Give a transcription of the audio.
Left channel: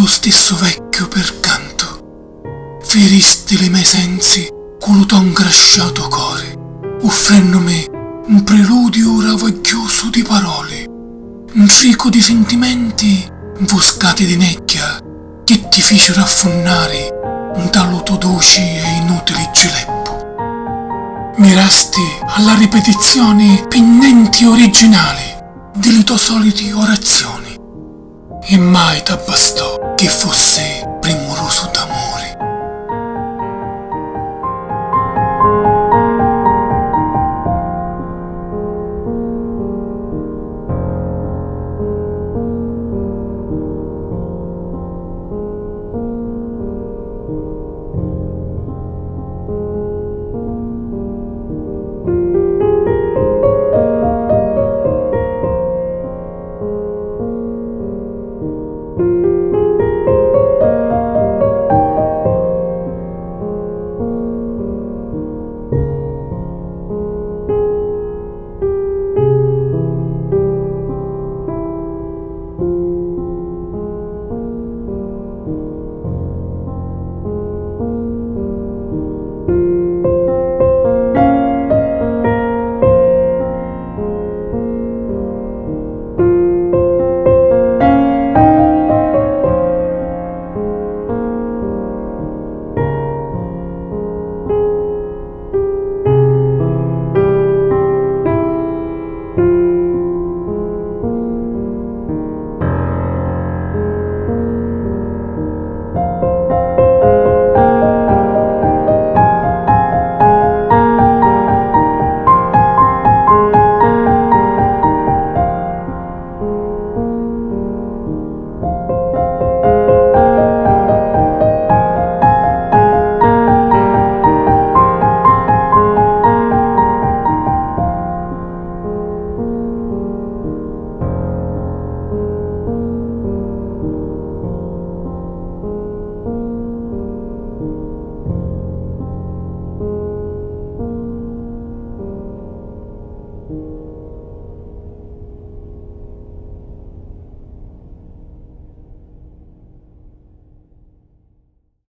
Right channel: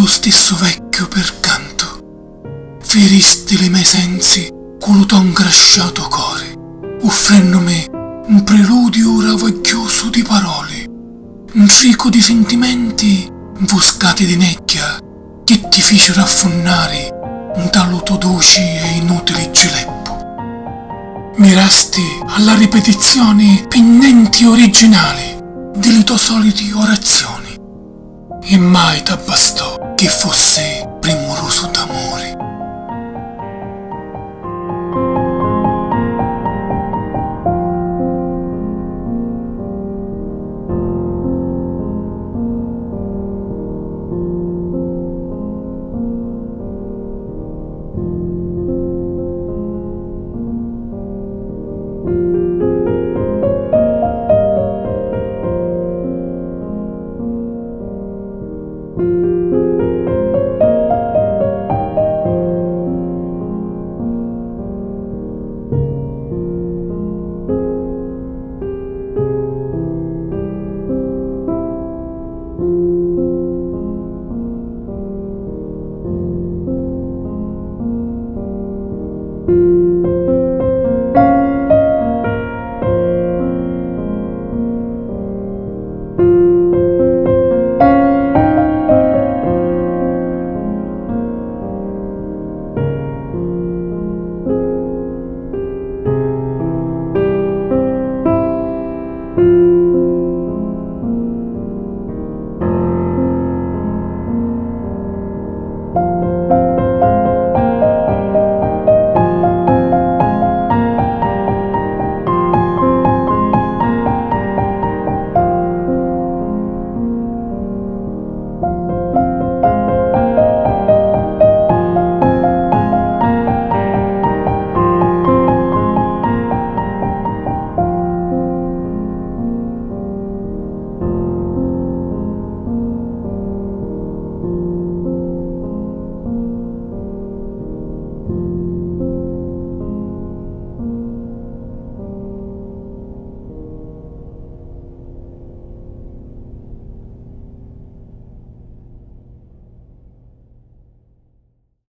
lo stesso vecchiu pircantu. Firisti le miei sensi, culuto ngrasciatu cori, uffrennumi un prilùdiu ravugghiusu di paroli, un tricu di sentimenti, nfuscati di negghia, che ti ficiru affunnari, un taluto duci e inutili gileppu. Mirasti alla ripetizioni nenti originali, delle tue soliti orazioni, e mai t'abbastò che fosse Primurusu d'amore.